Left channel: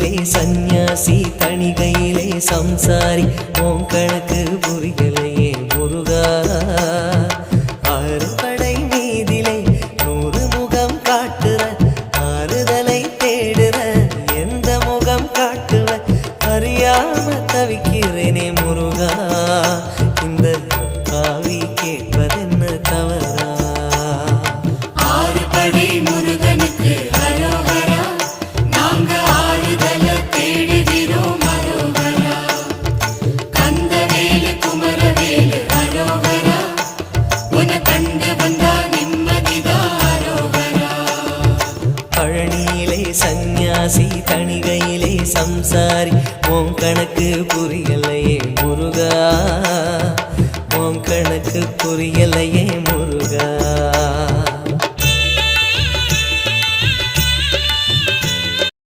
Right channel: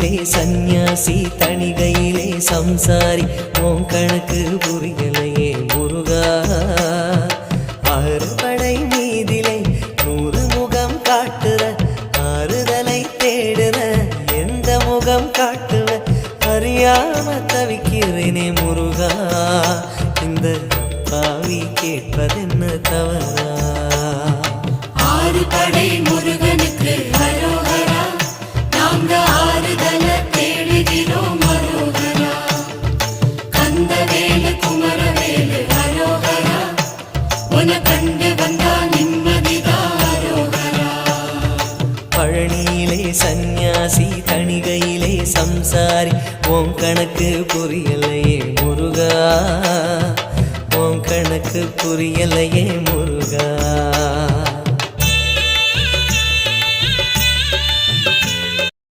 பழனியிலே சந்நியாசி தணிகையிலே சம்சாரி உன் கணக்கு புரியலையே முருகா ஆறு படை மீதிலே 100 முகம் காட்டுற ஆறுதலை தேடுற எந்த முகம் காட்டுவ அறியாம தவிக்கிறேனே முருகா இந்த பாவி கேட்பதென்ன தவறா ஆறு படை முருகனுக்கு அரோகரா நாங்க ஆறுதல தேடுகிறோம் அரோகரா கந்தவேலு குமரவேலு அரோகரா உன கண்டு வந்தா நிம்மதிதான் அரோகரா பழனியிலே சந்நியாசி தணிகையிலே சம்சாரி உன் கணக்கு புரியலையே முருகா உன் கணக்கு புரியலையே முருகா